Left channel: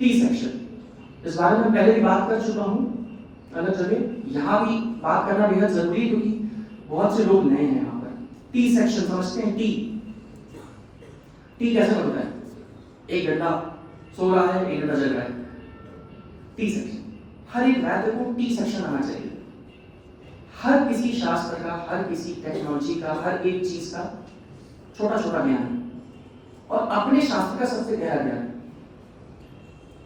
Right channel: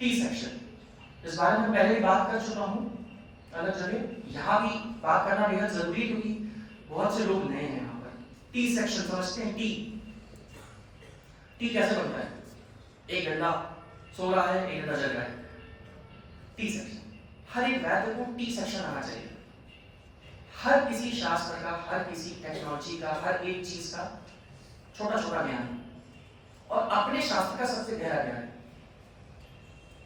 T section, इस बारे में पहले भी बात कर चुका हूँ अलग जगह, यहाँ भी बात करना बेहद जरूरी क्योंकि बहुत से लोग नए हैं यहाँ पर। टी सेक्शन समझते हैं? टी कैसे बनता है? एक घंटा सो रहा है, एक घंटा जग रहा है, टी सेक्शन। हर एक वैद्य को टी सेक्शन आना चाहिए। हर किसी शास्त्र का, हर किसी टेक्नोलॉजी का, हर एक चीज का छोटा छोटा ज्ञान, और अपने शास्त्र का सबसे गहरा ज्ञान,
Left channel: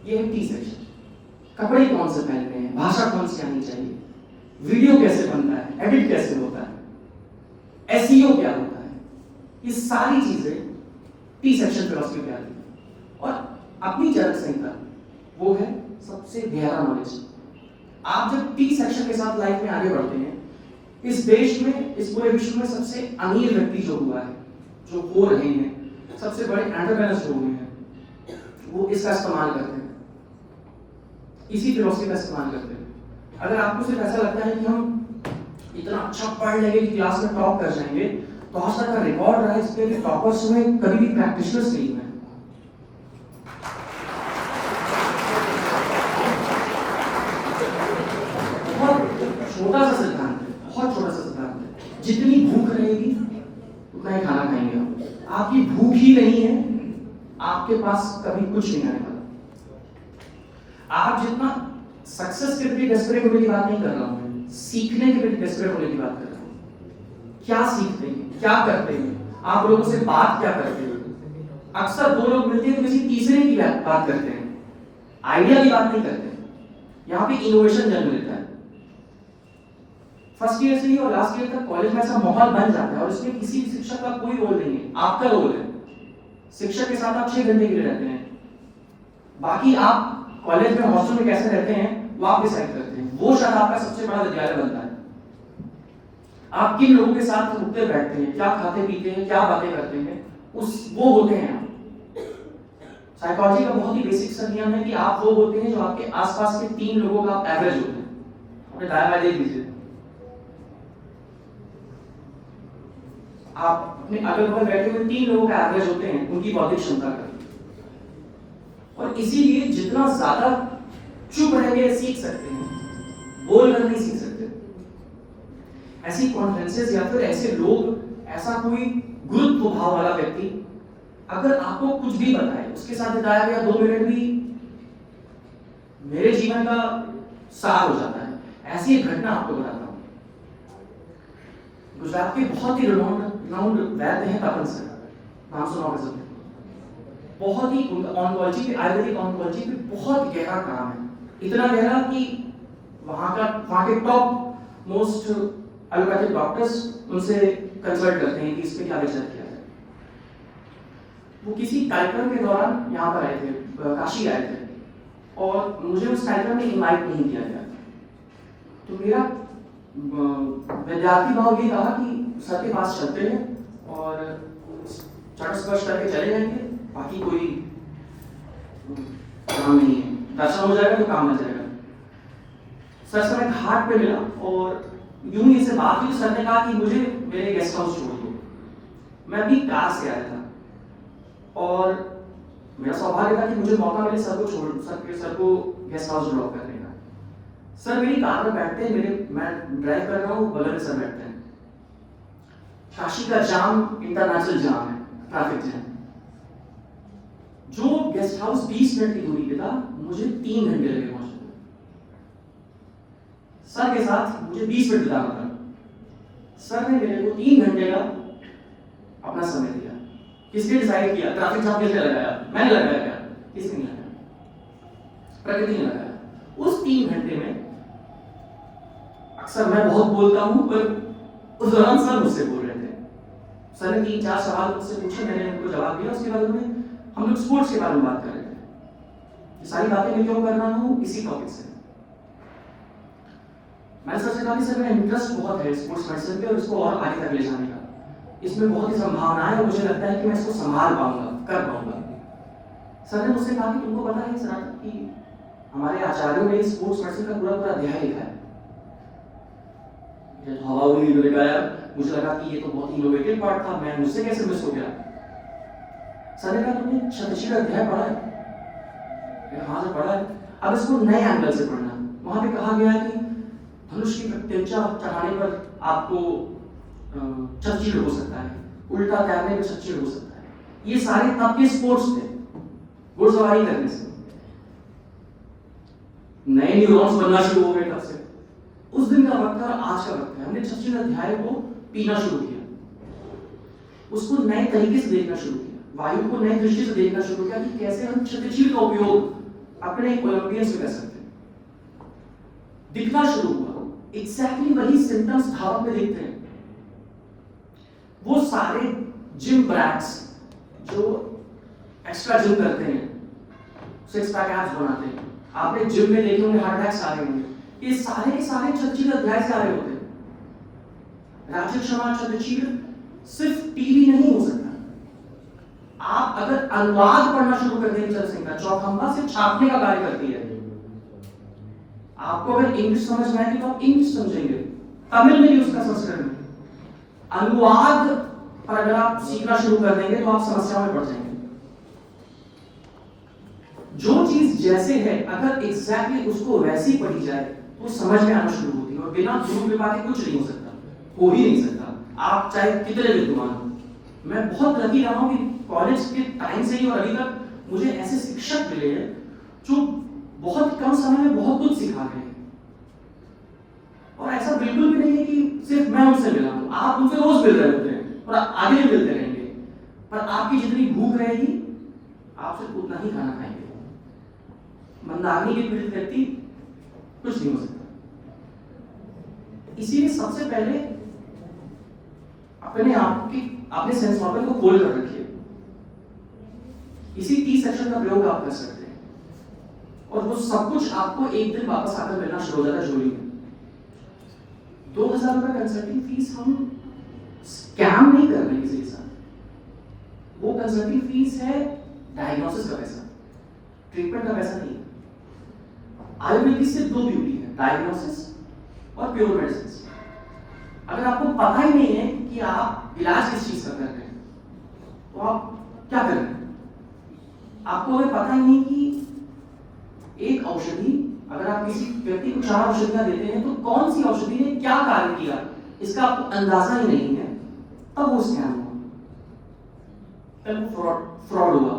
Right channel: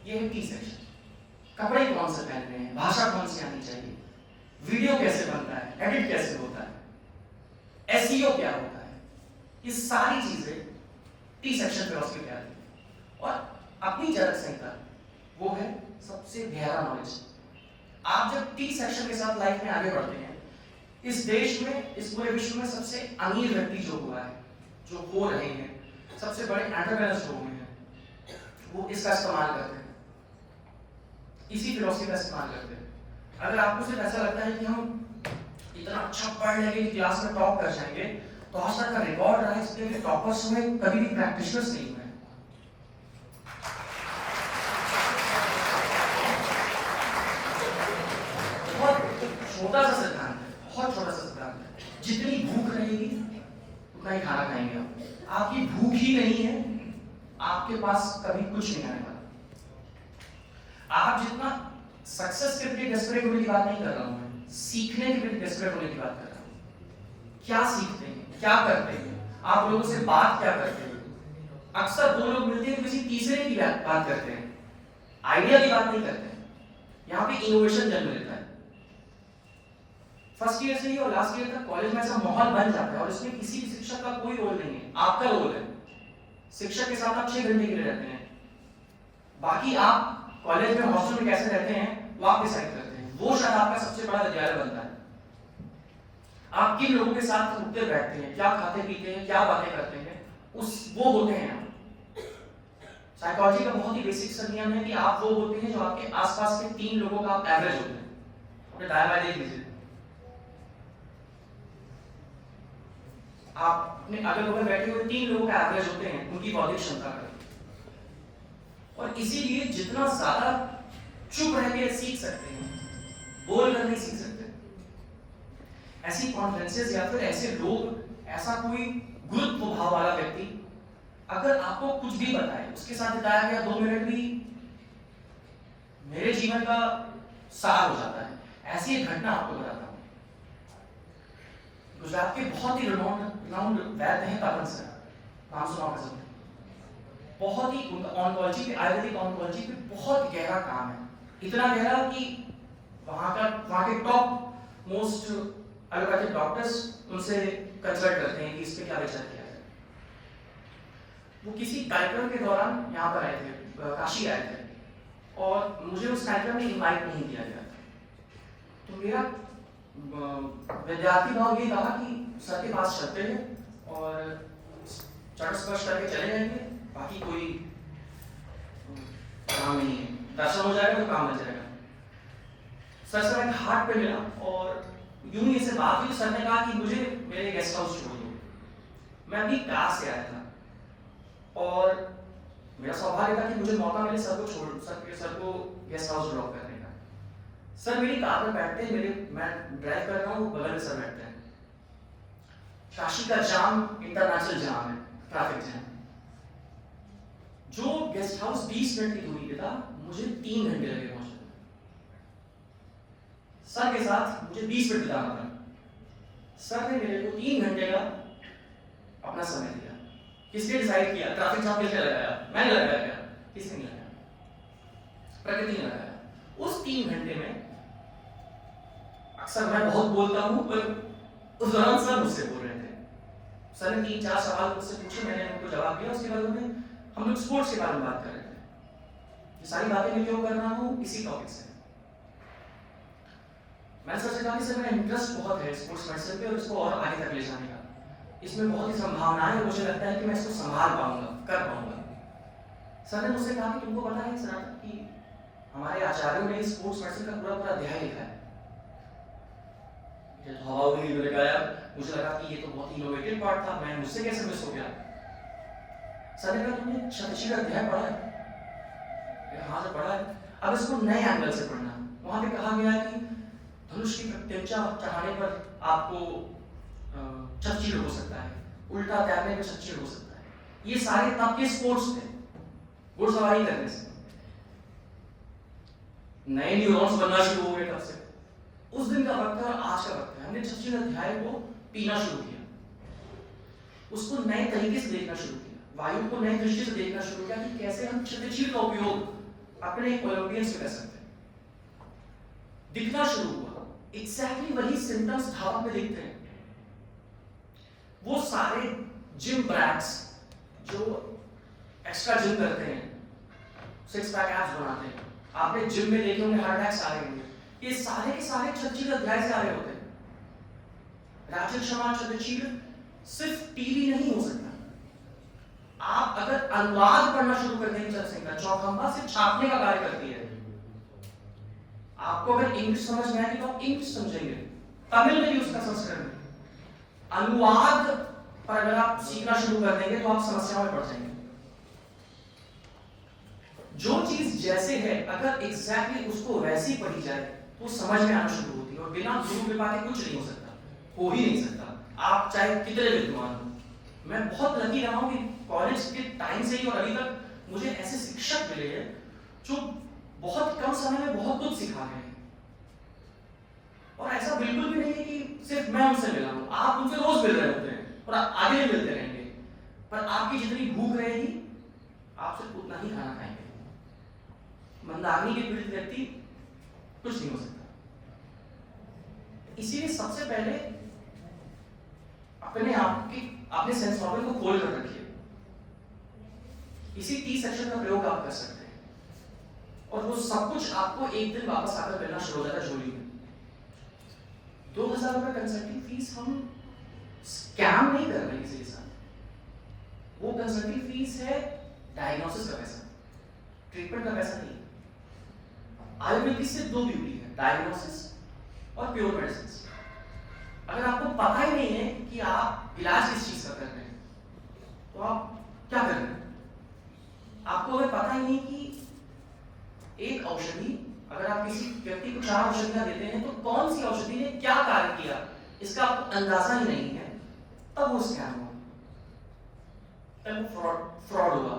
ये है टी सेक्शन। कपड़े कौन से पहनते हैं, भाषा कौन सी आनी चाहिए, वीडियो कैसे बनता है, एडिट कैसे होता है, एसईओ क्या होता है, ये सारी चीजें टी सेक्शन फिलॉसफी पे आती है। और अपनी चरक संहिता वो है सबसे गहरा नॉलेज। आप जब टी सेक्शन के साथ लाइफ में आगे बढ़ते हैं, इस देश में, इस पूरे विश्व में सबसे अमीर व्यक्ति जो हुआ है, जो हो रहे हैं, सबसे बड़े एंटरप्रेन्योर्स जो हुए हैं, वो इसका इस्तेमाल करते हैं, इसी फिलॉसफी का इस्तेमाल करते हैं। अगर आपको सिर्फ ऐसा लगता है कि हम इतना अच्छा पढ़ लेंगे कि क्लास में टॉप कर जाएंगे, तो आज तक का रिकॉर्ड रहा है इसके लिए टॉपर्स में कभी भी प्रैक्टिशनर्स नहीं हुए। छोटा सा सिद्धांत है, बहुत छोटा सा सिद्धांत है, जितनी भूख रहेगी उतना ही खाना खाएंगे आप। आपकी भूख ही नहीं है, आपके पास कभी कुछ नहीं आने वाला। आप जितना सक्सेस के प्रति डेस्परेट होने की बात नहीं कर रहा हूं मैं, सीखने के प्रति डेस्परेट होने की बात कर रहा हूं। क्या सीखते हैं, क्या करते हैं, आप लोगों से बात क्या करते हैं। अक्सर दो लोग मिलते हैं तो किसी तीसरे की बात करते हैं, आइडिया की बात नहीं करते। यहाँ पे इनोवेशन जन्म लेता है। फर्स्ट ईयर से ही और लास्ट ईयर तक कॉलेज में ऐसा माहौल बन जाता है, और इसमें किसी शिक्षक का कोई रोल नहीं है, आपका रोल है। शिक्षक के साथ आप 6 घंटे के लिए रहते हैं, बाकी आप कॉलेज में हॉस्टल में कैसे रहते हैं वो आप डिसाइड करते हैं। वो शायद आपका सबसे बड़ा विद्यालय बनता है। आप किन लोगों के साथ उठते बैठते हैं, क्या खाते पीते हैं, क्या बातें करते हैं, वो होते हैं। साइकोलॉजी का बहुत ही बेसिक सा नियम है कि आप वो होते हैं जो आपके आसपास के 3 लोगों का आप एवरेज होते हैं। अपने दाएं बाएं देख लीजिए, आप अपने अगल बगल बैठे हुए 3 लोगों का एवरेज होते हैं, उनकी बौद्धिक क्षमता का। और इसीलिए जितना ज्यादा चुप रह के सीख सकते हैं, बोल कर नहीं सीख सकते। ऐसी कॉन्फ्रेंसेस या फिर ऐसे लोग, ऐसा कोई गुरुत्व भाव वाला व्यक्ति अगर आपको कुछ भी बताए, उसके साथ बिताया गया 2 मिनट भी मेरे जीवन का सार हो जाता है। ऐसी एक घटना आपको बताता हूं। गुजरात के बहुत ही रिनाउंड वैद्य हैं तपन सर, नाम सुना होगा सबने। बहुत ही उनका ऑन्कोलॉजी पे, आयुर्वेदिक ऑन्कोलॉजी पे बहुत गहरा काम है, इतना गहरा कि वहाँ के टॉप मोस्ट एलोपैथिक डॉक्टर्स उनसे कंसल्ट करते हैं कि इस पे क्या विचार किया जाए। वो किसी कार्यक्रम के दौरान यहाँ पर आए थे, काशी आए थे, और मुझे उस कार्यक्रम में इनवाइट नहीं किया गया। तो मेरा विद्यार्थी भाव ये था कि सर के पास चलते हैं और चरण स्पर्श करके चले जाएंगे, बाकी कोई काम नहीं है, दर्शन हो जाएगा तो काम हो जाएगा। सर से मैं घाट पे मिला और यूं ही से बात हुई। सर ने कहा कि मुझे मेरे गेस्ट हाउस छोड़ दो। मैं अपनी कार से आया था और मेरा सौभाग्य था कि मुझे मौका मिले सर को गेस्ट हाउस ड्रॉप करने का। सर मेरी कार में बैठते हैं, मैं ड्राइव कर रहा हूँ, बगल में सर बैठते हैं। काशी का जाम इंटरनेशनल जाम है, ट्रैफिक जैम। जो गेस्ट हाउस 20 मिनट की दूरी पे था, मुझे 3 घंटे लगे पहुंचने। सर के साथ मुझे 20 मिनट बिताना था, सर ने मेरे को 3 घंटे का अपना समय दिया। किसने डिसाइड किया? ट्रैफिक जाम किसने लगाया? मैंने लगाया क्या? किसने नहीं लगाया, प्रकृति ने लगाया। उस 3 घंटे में अक्सर मैं बहुत बोलता हूं, पर उस दौरान सर मुझसे बोल रहे थे। सर ने 3-4 सवाल मुझसे पूछे, मैंने उनको जवाब दिया। उसके बाद उन्होंने, हम लोग स्पोर्ट्स के बारे में बात कर रहे थे। ये सारी बातें मैं क्यों कर रहा हूँ? इसी टॉपिक से। मैंने सर से कहा कि सर मेरा इंटरेस्ट बहुत है स्पोर्ट्स मेडिसिन पे और इसको और आगे तक ले जाने का। इसमें बहुत ही संभावनाएं है और मुझे लगता है कि मैं इसको संभाल पाऊंगा, कर पाऊंगा। सर ने मुझसे कहा कि तुमको पता है सर कि हमारे आचार्यों ने स्पोर्ट्स मेडिसिन का पूरा अध्याय लिखा है। तो हवा नहीं लगा यार, मुझे लगा कि ये तो बहुत इनोवेटिव पार्ट था, मैं मुझसे कैसे मिस हो गया। सर ने कहा तुमने शतशील अध्याय पढ़ा है? वहां से पढ़ा है, अब इसको नए एंगल से पढ़ना है। वहां पे कहा गया है कि धनुष की प्रत्यंचा चढ़ाने पर आपको चर्चिल हो सकता है, उल्टा तैरने में चर्चिल हो सकता है। ये सारे तब के स्पोर्ट्स थे, घुड़सवारी करने से नए न्यूरॉन्स बनना शुरू हो गए। तब से उस दिन का वक्त है, आज का वक्त है। हमने चर्चिल अध्याय को पीना शुरू किया, उसको नए तरीके से देखना शुरू किया, वायु को नए दृष्टि से देखना शुरू किया कि कैसे हम क्षतिशील का उपयोग अपने ओलंपियंस में कर सकते हैं। दिखना शुरू हुआ, एग्जैक्टली वही सिम्टम्स धावक में दिखते हैं। वो सारे जिम ब्रैट्स जो एक्स्ट्रा जिम करते हैं, सिक्स पैक एब्स बनाते हैं, आपने जिम में देखे होंगे हार्ट अटैक्स आ रहे होंगे, ये सारे के सारे क्षतिशील अध्याय से आ रहे होते हैं। राजक क्षमा क्षतिशील सिर्फ टीवी नहीं हो सकता। आप अगर अनुवाद पढ़ना शुरू कर देंगे जनसंख्या चौखंबा से छापने का कार्य करती है। आपको अगर इंग्लिश समझ में आएगी तो आप इंग्लिश समझेंगे, तमिल में भी उसका संस्करण में। अनुवाद पर अगर आप सीखना शुरू कर देंगे तो आप समस्या में पड़ जाएंगे। जो चीज जैसे है अगर एग्जैक्टली उसको वैसी पढ़ी जाए तो समझ में आना शुरू होती है, और बिना गुरु कृपा के कुछ नहीं हो सकता, हो ही नहीं सकता, आप चाहे कितने विद्वान हो। मैं बहुत लकी रहा हूं कि कॉलेज के टाइम से ही और अभी तक मुझे ऐसे शिक्षक मिले हैं जो बहुत कम समय में बहुत कुछ सिखा गए। और ऐसा बिल्कुल भी नहीं है कि सिर्फ मैं उनसे मिला हूं, आप उनसे रोज मिल रहे होते हैं और आगे भी मिलते रहेंगे, पर आपकी जितनी भूख रहेगी आप सिर्फ उतना ही खाना खाएंगे। मंदाग्नि के पीड़ित व्यक्ति कुछ नहीं हो सकता। इसीलिए सबसे पहले अपने सेंस ऑर्गन को खोल कर रखिए। इसी 30 सेक्शन का प्रयोग आप कर सकते हैं, और वो सब कुछ आपको एक दिन वापस आकर मिलना शुरू हो जाता है झोली में। 2000 रुपए कंसल्टिंग फीस हम स्कैम नहीं कर रहे किसी के साथ। वो कंसल्टिंग फीस है डायग्नोसिस का पैसा, ट्रीटमेंट का पैसा नहीं है। आयुर्वेद की सिर्फ दो ब्यूटी है, डायग्नोसिस और प्योर मेडिसिन। अगर आपको पता ही नहीं है कि आप इलाज किस चीज का कर रहे हैं तो आप क्या कर रहे हैं। आपको अगर पता ही नहीं कि एक औषधि, अगर आप किसी व्यक्ति को 4 औषधियां देते हैं तो कौन सी औषधि ने क्या कार्य किया इसका आपको अंदाजा ही नहीं है, तब वो स्कैम हुआ, तब फ्रॉड हुआ,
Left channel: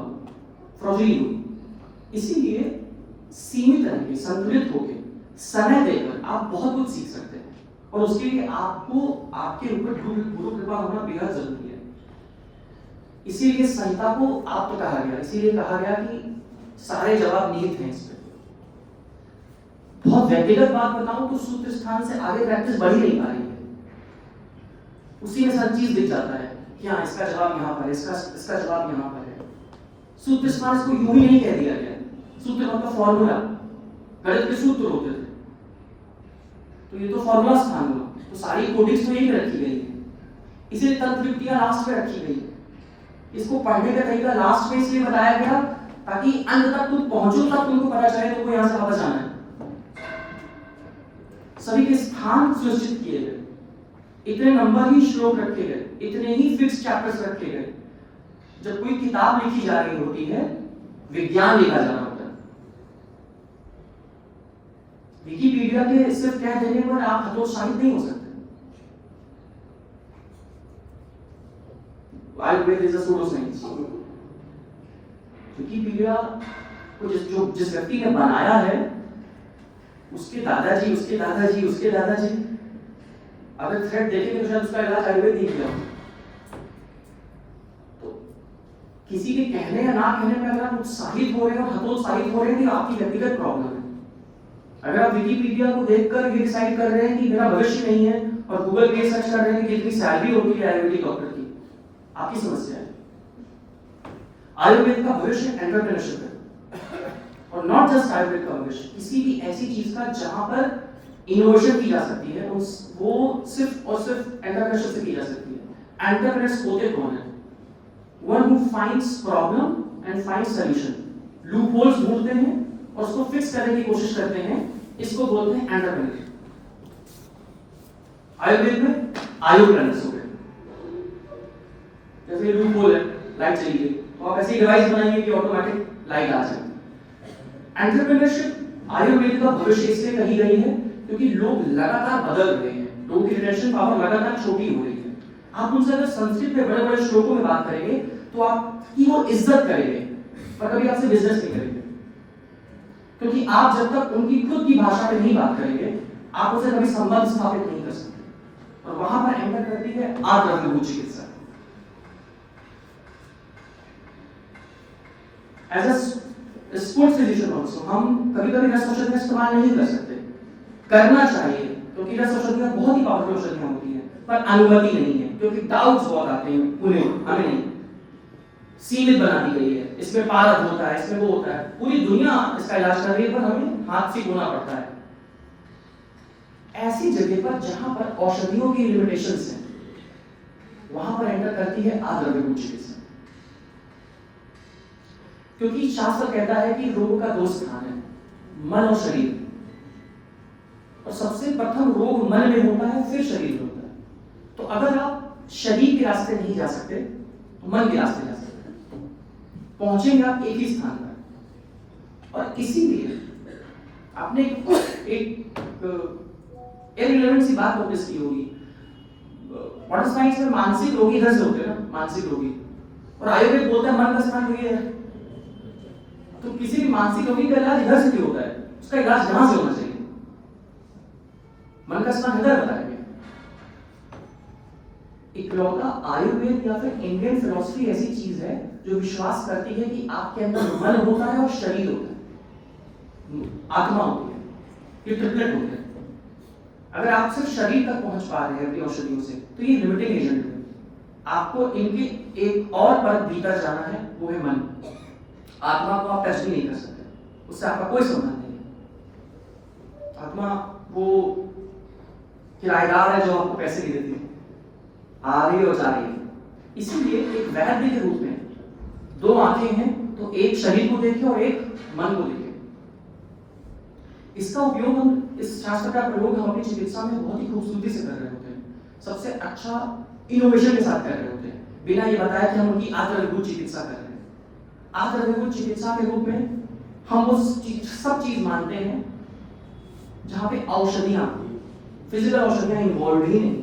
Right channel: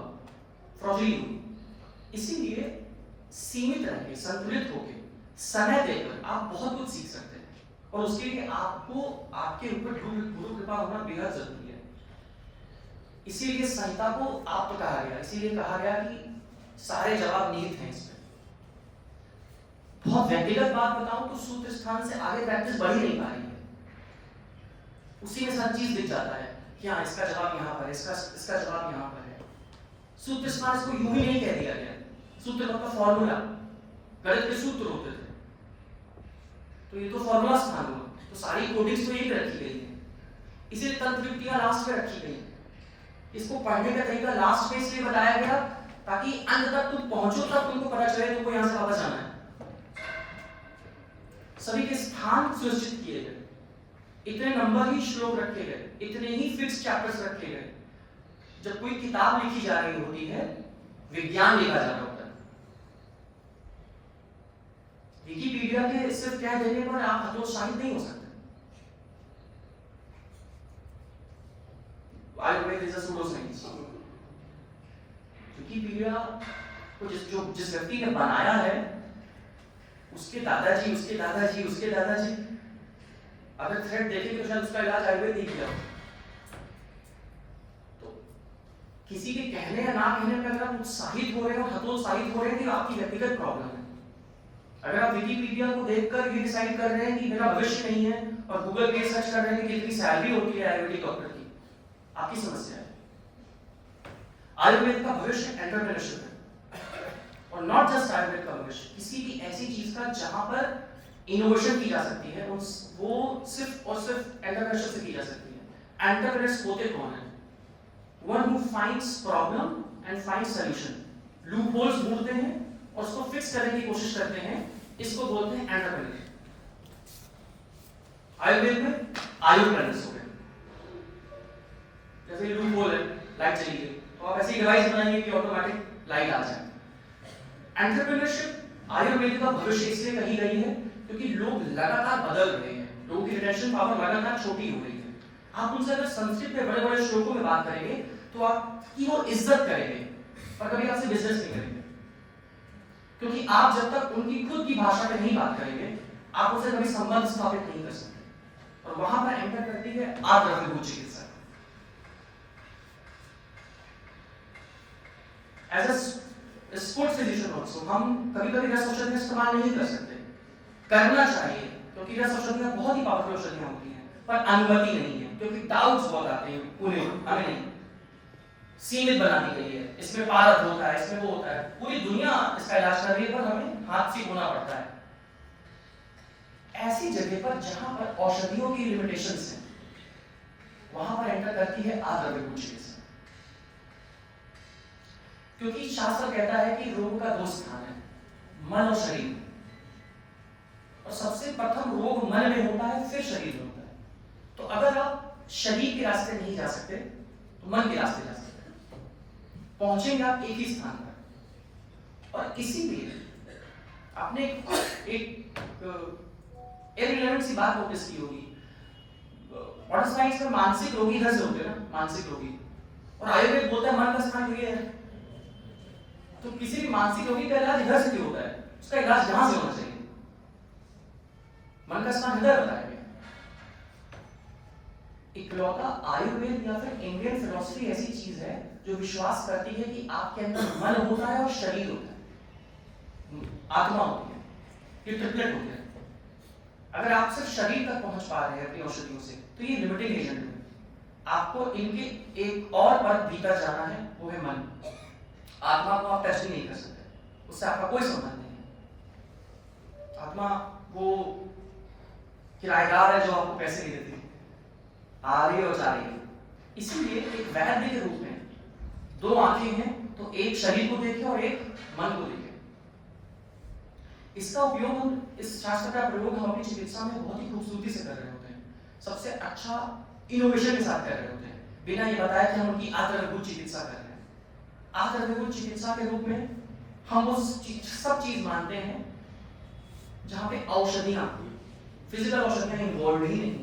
फ्रॉडली हुई। इसीलिए सीमित रहेंगे, संतुलित होकर, समय देकर आप बहुत कुछ सीख सकते हैं, और उसके लिए आपको आपके ऊपर गुरु कृपा होना बेहद जरूरी है। इसीलिए संहिता को आप तो कहा गया, इसीलिए कहा गया कि सारे जवाब निहित हैं इस पे। बहुत व्यक्तिगत बात बताऊं तो सूत्र स्थान से आगे प्रैक्टिस बढ़ ही नहीं पा रही है। उसी में सब चीज दिख जाता है कि हाँ इसका जवाब यहाँ पर है, इसका जवाब यहाँ पर है। सूत्र स्थान इसको यूं ही नहीं कह दिया गया। सूत्र मतलब फॉर्मूला, गणित के सूत्र होते थे, तो ये तो फॉर्मूला स्थान हुआ, तो सारी कोडिंग्स में यही रखी गई है। इसीलिए तंत्र युक्तियां लास्ट में रखी गई है। इसको पढ़ने का तरीका लास्ट में इसलिए बताया गया ताकि अंत तक तुम पहुंचो, तब तुमको पता चले तुमको यहां से वापस जाना है। सभी के स्थान सुनिश्चित किए गए, इतने नंबर ही श्लोक रखे गए, इतने ही फिक्स चैप्टर्स रखे गए। जब कोई किताब लिखी जा रही होती है, विज्ञान लिखा जा रहा होता है। विकिपीडिया के सिर्फ कह देने पर आप हतोत्साहित नहीं हो सकते। Ayurveda is a pseudo science. Wikipedia को जिस व्यक्ति ने बनाया है, उसके दादाजी, उसके दादाजी, उसके दादाजी, अगर थ्रेड देखेंगे तो शायद उसका इलाज आयुर्वेद नहीं किया। तो किसी के कहने या ना कहने में अगर आप उत्साहित हो रहे हैं और हतोत्साहित हो रहे हैं, तो आपकी व्यक्तिगत प्रॉब्लम है। अगर आप विकिपीडिया को देखकर ये डिसाइड कर रहे हैं कि मेरा भविष्य नहीं है, और गूगल पे सर्च कर रहे हैं कि कितनी सैलरी होती है आयुर्वेदिक डॉक्टर की, आपकी समस्या है। आयुर्वेद का भविष्य एंटरप्रेन्योरशिप है, और नॉट जस्ट आयुर्वेद का भविष्य, किसी भी ऐसी चीज का जहां पर इनोवेशन की जा सकती है, वो सिर्फ और सिर्फ एंटरप्रेन्योरशिप से की जा सकती है। एंटरप्रेन्योर्स होते कौन है? One who finds problem and finds solution. Loop holes ढूंढते हैं और उसको फिक्स करने की कोशिश करते हैं, इसको बोलते हैं एंटरप्रेन्योर। आयुर्वेद में आयुर्प्रेन्योर्स हो गए। जैसे लूप होल है, लाइट चली गई, तो आप ऐसी डिवाइस बनाएंगे कि ऑटोमेटिक लाइट आ जाए। एंटरप्रेन्योरशिप आयुर्वेद का भविष्य इसलिए कही गई है क्योंकि लोग लगातार बदल रहे हैं, लोगों की रिटेंशन पावर लगातार छोटी हो रही है। आप उनसे अगर संस्कृत में बड़े बड़े श्लोकों में बात करेंगे तो आपकी वो इज्जत करेंगे और कभी आपसे बिजनेस नहीं करेंगे, क्योंकि आप जब तक उनकी खुद की भाषा में नहीं बात करेंगे आप उनसे कभी संबंध स्थापित नहीं कर सकते। और वहां पर एंटर करती है आद्रव्यभूत चिकित्सा। As a sports physician also हम कभी कभी रस औषधि का इस्तेमाल नहीं कर सकते, करना चाहिए क्योंकि रस औषधियां बहुत ही पावरफुल औषधियां होती हैं, पर अनुमति नहीं है क्योंकि डाउट्स बहुत आते हैं उन्हें, हमें नहीं। सीमित बना दी गई है, इसमें पारद होता है, इसमें वो होता है, पूरी दुनिया इसका इलाज कर रही है पर हमें हाथ से धोना पड़ता है। ऐसी जगह पर जहां पर औषधियों की लिमिटेशंस हैं वहां पर एंटर करती है आद्रव्यभूत चिकित्सा। क्योंकि शास्त्र कहता है कि रोग का दो स्थान है, मन और शरीर, और सबसे प्रथम रोग मन में होता है फिर शरीर में होता है। तो अगर आप शरीर के रास्ते नहीं जा सकते तो मन के रास्ते जा सकते हैं, पहुंचेंगे आप एक ही स्थान पर। और इसीलिए आपने एक इररिलेवेंट सी बात नोटिस की होगी, मॉडर्न साइंस में मानसिक रोगी इधर से होते हैं ना, मानसिक रोगी, और आयुर्वेद बोलते हैं मन का स्थान ये है। तो किसी भी मानसिक रोगी का इलाज इधर से क्यों होता है, उसका इलाज यहां से होना चाहिए, मन का स्थान इधर बताएंगे। इकलौता आयुर्वेद या फिर इंडियन फिलॉसफी ऐसी चीज है जो विश्वास करती है कि आपके अंदर मन होता है और शरीर होता है, आत्मा होती है, ये ट्रिपलेट होते हैं। अगर आप सिर्फ शरीर तक पहुंच पा रहे हैं अपनी औषधियों से तो ये लिमिटिंग एजेंट है। आपको इनके एक और परत भीतर जाना है, वो है मन। आत्मा को आप टच नहीं कर सकते, उससे आपका कोई संबंध नहीं है। आत्मा वो किराएदार है जो आपको पैसे नहीं देती, आ रही और जा रही है। इसीलिए एक वैद्य के रूप में दो आंखें हैं, तो एक शरीर को देखें और एक मन को देखें। इसका उपयोग हम, इस शास्त्र का प्रयोग हम अपनी चिकित्सा में बहुत ही खूबसूरती से कर रहे होते हैं, सबसे अच्छा इनोवेशन के साथ कर रहे होते हैं, बिना ये बताया कि हम उनकी आद्रव्यभूत चिकित्सा कर रहे हैं। आद्रव्यभूत चिकित्सा के रूप में हम वो सब चीज मानते हैं जहां पे औषधियां, फिजिकल औषधियां इन्वॉल्व ही नहीं।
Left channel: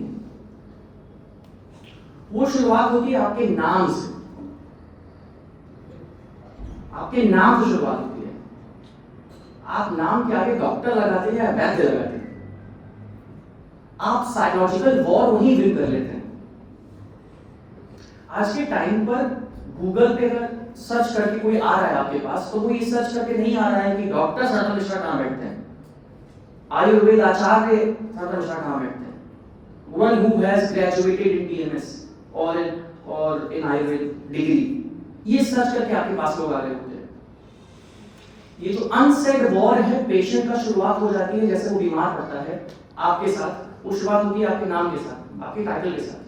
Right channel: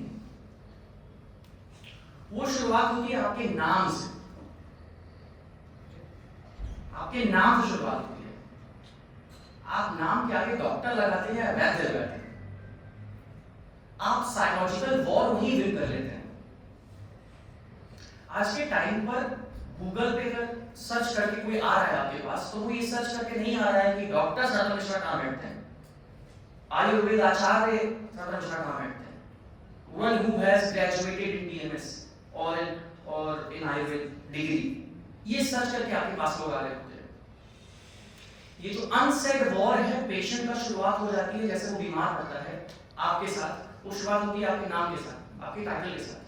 वो शुरुआत होती है आपके नाम से, आपके नाम से शुरुआत होती है। आप नाम के आगे डॉक्टर लगाते हैं या वैद्य लगाते हैं, आप साइकोलॉजिकल वॉर वहीं विन कर लेते हैं। आज के टाइम पर गूगल पे अगर सर्च करके कोई आ रहा है आपके पास, तो वो ये सर्च करके नहीं आ रहा है कि डॉक्टर सरना मिश्रा कहां बैठते हैं, आयुर्वेद आचार्य सरना मिश्रा कहां बैठते हैं, one who has graduated in DMS और इन आयुर्वेद डिग्री, ये सर्च करके आपके पास लोग आ रहे होते हैं। ये जो अनसेड वॉर है पेशेंट का शुरुआत हो जाती है, जैसे वो बीमार पड़ता है आपके साथ, वो शुरुआत होती है आपके नाम के साथ, आपके टाइटल के साथ।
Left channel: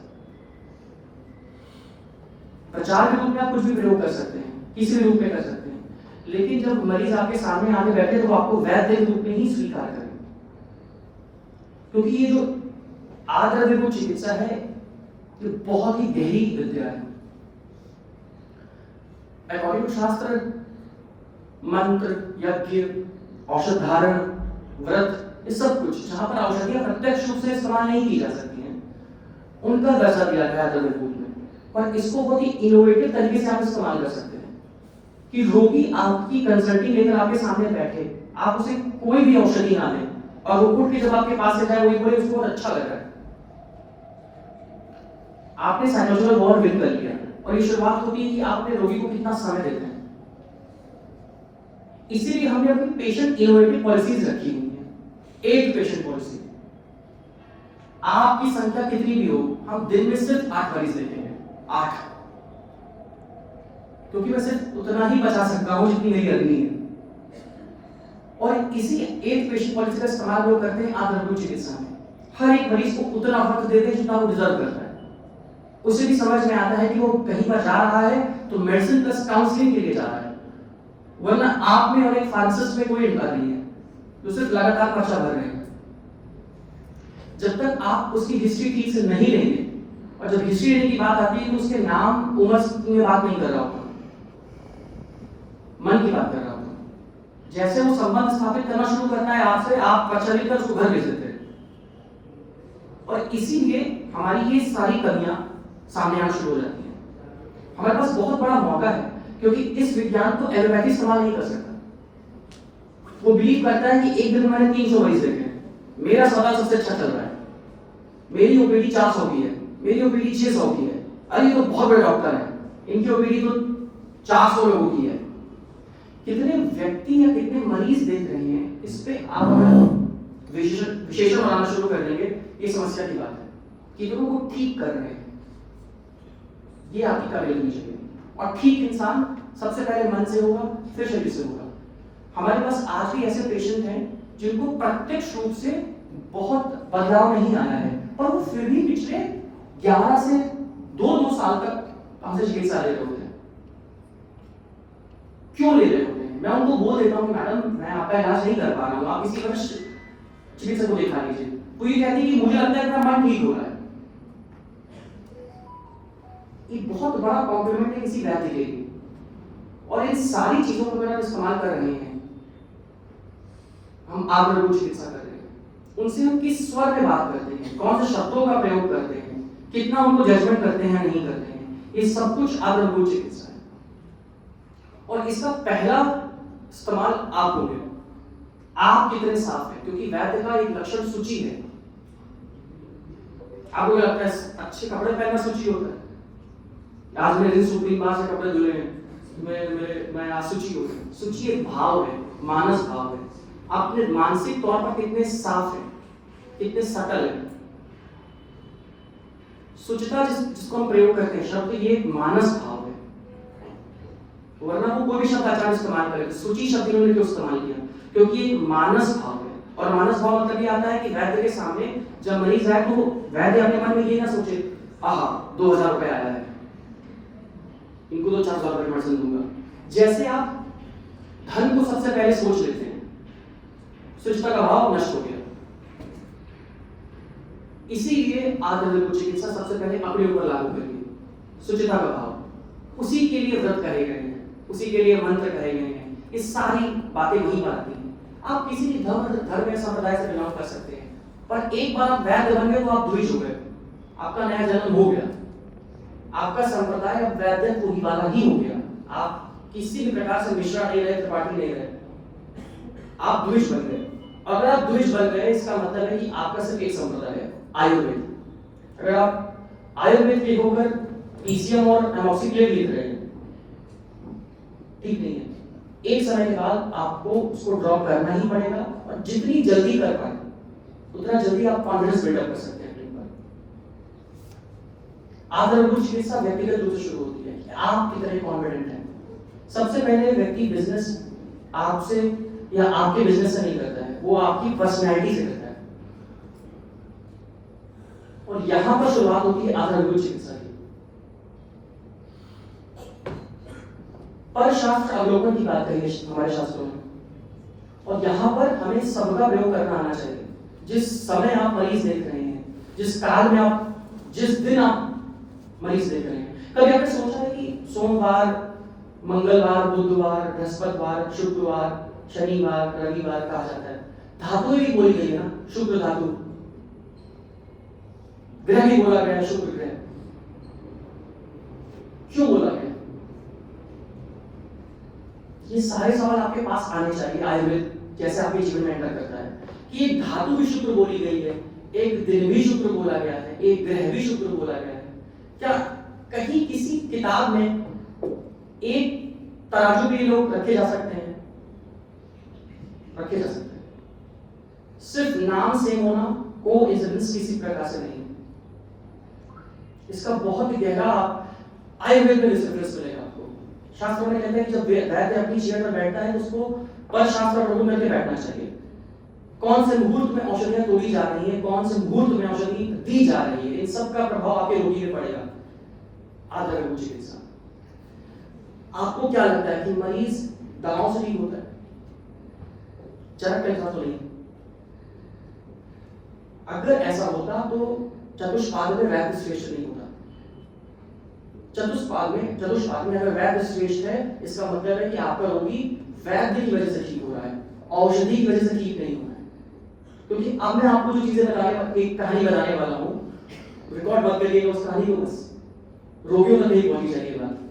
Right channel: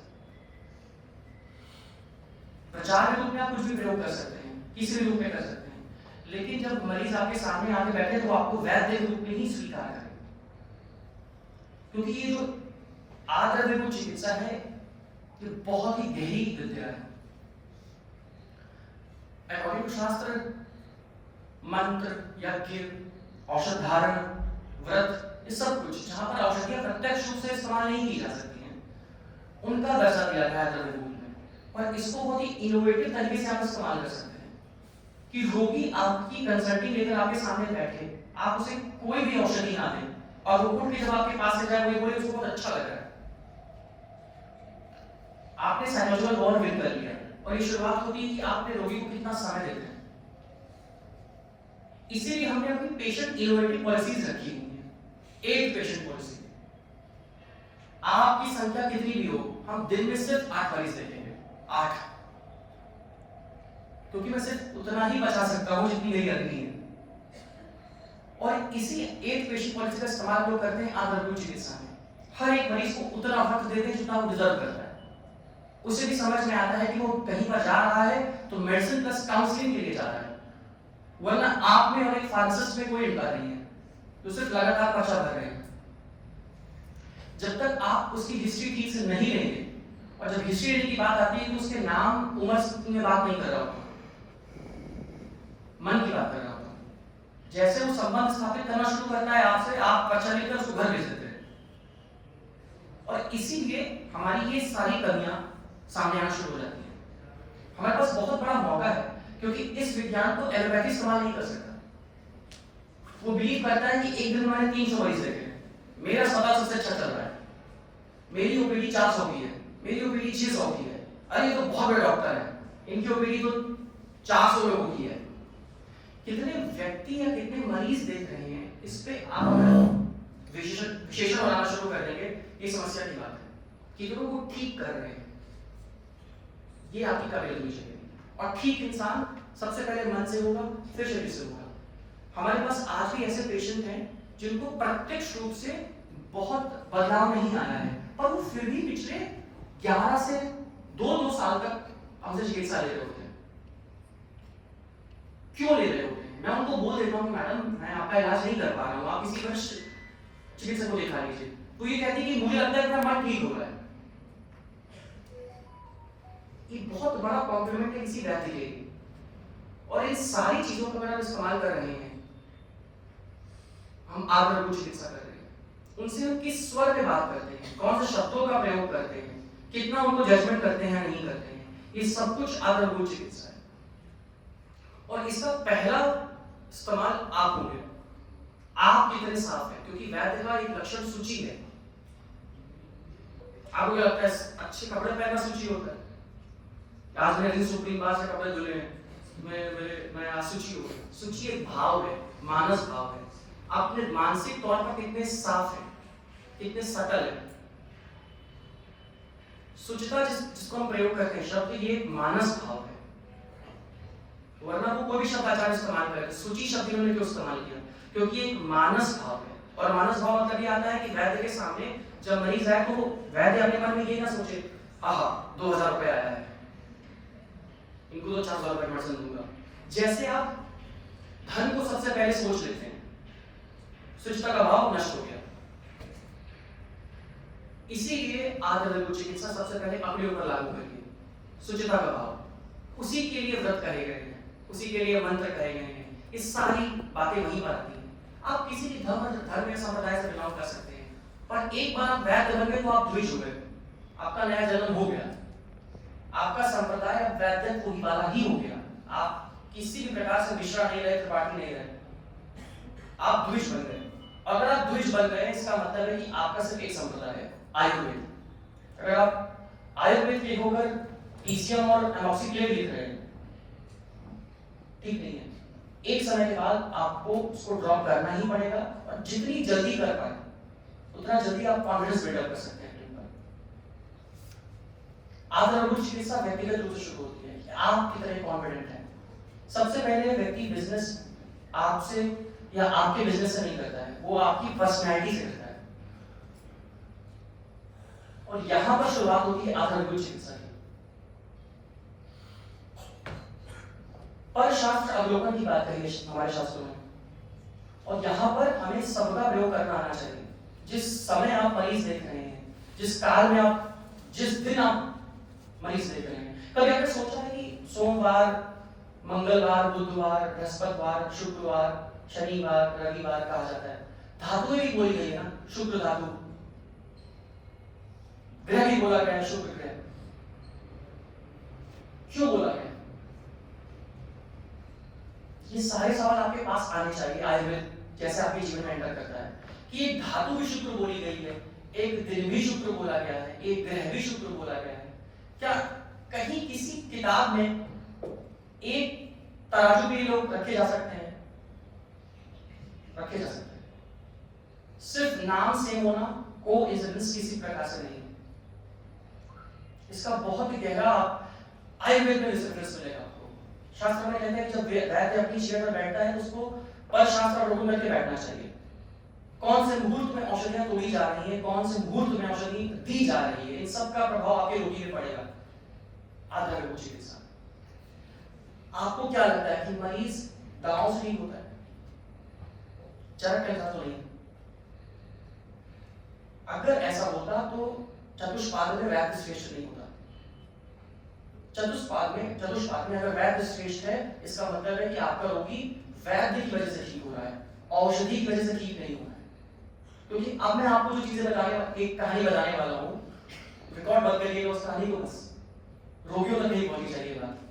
प्रचार के रूप में आप कुछ भी प्रयोग कर सकते हैं, किसी भी रूप में कर सकते हैं, लेकिन जब मरीज आपके सामने आके बैठे तो आपको वैद्य के रूप में ही स्वीकार करें, क्योंकि ये जो आद्रव्यभूत चिकित्सा है ये बहुत ही गहरी विद्या है। अकॉर्डिंग टू शास्त्र, मंत्र, यज्ञ, औषध धारण, व्रत, ये सब कुछ जहां पर औषधियां प्रत्यक्ष रूप से इस्तेमाल नहीं की जा सकती हैं, उनका दर्जा दिया गया है आद्रव्यभूत में। पर इसको बहुत ही इनोवेटिव तरीके से आप इस्तेमाल कर सकते हैं कि रोगी आपकी कंसल्टिंग लेकर आपके सामने बैठे, आप उसे कोई भी औषधि ना दें और वो उठ के जब आपके पास से जाए वही बोले उसको बहुत अच्छा लग रहा है, आपने साइकोलॉजिकल वॉर विन कर लिया। और ये शुरुआत होती है कि आप अपने रोगी को कितना समय देते हैं। इसीलिए हमने अपनी पेशेंट इनोवेटिव पॉलिसीज रखी हुई है। एक पेशेंट पॉलिसी, आपकी संख्या कितनी भी हो, हम दिन में सिर्फ 8 मरीज देखेंगे, 8, क्योंकि मैं सिर्फ उतना ही बचा सकता हूं जितनी मेरी अग्नि है। और इसी एक पेशेंट पॉलिसी का इस्तेमाल लोग करते हैं आद्रव्यभूत चिकित्सा में। हर एक मरीज को उतना वक्त देते हैं जितना वो डिजर्व करता है। उसे भी समझ में आता है कि वो कहीं पर जा रहा है तो मेडिसिन प्लस काउंसलिंग के लिए जा रहा है, वरना आप में और एक फार्मासिस्ट में कोई अंतर नहीं है, तो सिर्फ लगातार खर्चा भर रहे हैं। जब तक आप उसकी हिस्ट्री ठीक से नहीं लेंगे, और जब हिस्ट्री लेने की बात आती है तो उसके नाम उम्र में बात नहीं कर रहा होता, मन की बात कर रहा होता। जैसे वो संबंध स्थापित करना शुरू करता है आपसे, आप प्रचलित कर उसको घर भेज देते हैं। और इसीलिए हमारी ये सारी कमियां सामने आना शुरू हो जाती है। हमारे पास बहुत बड़ा मौका है, क्योंकि इस विज्ञान को एलोपैथी इस्तेमाल नहीं कर सकता। वो बिलीव करता है कि एक दिन में मैंने 300 मरीज देखे हैं, मेरा अस्पताल सबसे अच्छा चल रहा है, मेरी ओपीडी 400 की है, मेरी ओपीडी 600 की है, अरे तो बहुत बड़े डॉक्टर हैं, इनकी ओपीडी तो 400 लोगों की है। कितने व्यक्ति या कितने मरीज देख रहे हैं, इस पे आप विशेषण बनाना शुरू कर देंगे, ये समस्या की बात है। कितनों को ठीक कर रहे हैं, ये आपकी काबिलियत होनी चाहिए। और ठीक इंसान सबसे पहले मन से होगा, फिर शरीर से होगा। हमारे पास आज भी ऐसे पेशेंट हैं जिनको प्रत्यक्ष रूप से बहुत बदलाव नहीं आया है, पर वो फिर भी पिछले 11 से 2 साल तक हमसे चिकित्सा ले रहे होते हैं। क्यों ले रहे होते हैं? मैं उनको बोल देता हूँ कि मैडम मैं आपका इलाज नहीं कर पा रहा हूँ, आप किसी वरिष्ठ चिकित्सक को दिखा लीजिए। तो ये कहती है कि मुझे लगता है कि मेरा मन ठीक हो रहा है। ये बहुत बड़ा कॉम्प्लीमेंट है किसी वैद्य के लिए। और इन सारी चीजों को अगर आप इस्तेमाल कर रहे हैं, हम आग्रह चिकित्सा कर रहे हैं, उनसे हम किस स्वर में बात करते हैं, कौन से शब्दों का प्रयोग करते हैं, कितना उनको जजमेंट करते हैं या नहीं करते हैं, ये सब कुछ आग्रह चिकित्सा है। और इसका पहला इस्तेमाल आप होंगे, आप कितने साफ है, क्योंकि वैद्य का एक लक्षण सूची है। आपको लगता है अच्छे कपड़े पहनना सूची होता है, आज मेरे दिन सुप्रीम बार से कपड़े धुले हैं, मैं अशुचि हो गया। सूची एक भाव है, मानस भाव है। अपने मानसिक तौर पर कितने साफ है, कितने सटल है। शुचिता जिसको हम प्रयोग करते हैं शब्द, ये एक मानस भाव है। वरना वो कोई भी शब्द आचार्य इस्तेमाल करे, सूची शब्द इन्होंने क्यों इस्तेमाल किया? क्योंकि ये मानस भाव है। और मानस भाव मतलब ये आता है कि वैद्य के सामने जब मरीज आए तो वैद्य अपने मन में ये ना सोचे, आहा 2000 रुपए आया है, इनको तो 4000 रुपए मेडिसिन दूंगा। जैसे आप धन को सबसे पहले सोच लेते हैं, शुचिता का भाव नष्ट हो गया। इसीलिए आध्यात्मिक चिकित्सा सबसे पहले अपने ऊपर लागू करिए, शुचिता का भाव। उसी के लिए व्रत करे गए हैं, उसी के लिए मंत्र कहे गए हैं, ये सारी बातें वहीं पर आती हैं। आप किसी भी धर्म या संप्रदाय से बिलोंग कर सकते हैं, पर एक बार आप वैद्य बन गए तो आप द्विज हो गए, आपका नया जन्म हो गया, आपका संप्रदाय अब वैद्य को वाला ही हो गया। आप किसी भी प्रकार से मिश्रण नहीं रहे, त्रिपाठी नहीं रहे, आप द्विज बन गए। अगर आप द्विज बन गए, इसका मतलब है कि आपका सिर्फ एक संप्रदाय है, आयुर्वेद। अगर आप आयुर्वेद के होकर पीसीएम और एमोक्सिक्लेव लिख रहे हैं, ठीक नहीं है। एक समय के बाद आपको उसको ड्रॉप करना ही पड़ेगा, और जितनी जल्दी कर पाए उतना जल्दी आप कॉन्फिडेंस बिल्डअप कर सकते हैं। आधारभूत चिकित्सा व्यक्तिगत रूप से शुरू होती है कि आप कितने कॉन्फिडेंट हैं। सबसे पहले व्यक्ति बिजनेस आपसे या आपके बिजनेस से नहीं करता है, वो आपकी पर्सनैलिटी से करता है। और यहां पर शुरुआत होती है आधारभूत चिकित्सा की। पर शास्त्र अवलोकन की बात कही है हमारे शास्त्रों में, और यहां पर हमें सबका प्रयोग करना आना चाहिए। जिस समय आप मरीज देख रहे हैं, जिस काल में आप, जिस दिन आप मरीज देख रहे हैं, कभी आपने सोचा है कि सोमवार, मंगलवार, बुधवार, बृहस्पतिवार, शुक्रवार, शनिवार, रविवार कहा जाता है? धातु भी बोली गई ना, शुक्र धातु, ग्रह भी बोला गया, शुक्र ग्रह। क्यों बोला गया? ये सारे सवाल आपके पास आने चाहिए। आयुर्वेद जैसे आपके जीवन में एंटर करता है कि एक धातु भी शुक्र बोली गई है, एक दिन भी शुक्र बोला गया है, एक ग्रह भी शुक्र बोला गया है। क्या कहीं किसी किताब में एक तराजू भी लोग रखे जा सकते हैं? रखे जा सकते हैं। सिर्फ नाम सेम होना कोइंसिडेंस किसी प्रकार से नहीं। इसका बहुत गहरा आयुर्वेद में रेफरेंस मिलेगा आपको। शास्त्रों में कहते हैं कि जब वैद्य अपनी चेयर पर बैठता है तो उसको पर शास्त्र प्रभु करके बैठना चाहिए। कौन से मुहूर्त में औषधियां तोड़ी जा रही है, कौन से मुहूर्त में औषधि दी जा रही है, इन सब का प्रभाव आपके रोगी में पड़ेगा। आधारभूत चिकित्सा। आपको क्या लगता है कि मरीज दवाओं से ठीक होता है? चरक के साथ तो नहीं। अगर ऐसा होता तो चतुष्पाद में वैद्य श्रेष्ठ नहीं होता। चतुष्पाद में अगर वैद्य श्रेष्ठ है, इसका मतलब है कि आपका रोगी वैद्य की वजह से ठीक हो रहा है। औषधि की वजह से ठीक नहीं हुआ है। क्योंकि अब मैं आपको जो चीजें बताने, एक कहानी बताने वाला हूँ, रिकॉर्ड मत करिएगा उस कहानी को, बस रोगियों तक नहीं पहुंचनी चाहिए बात।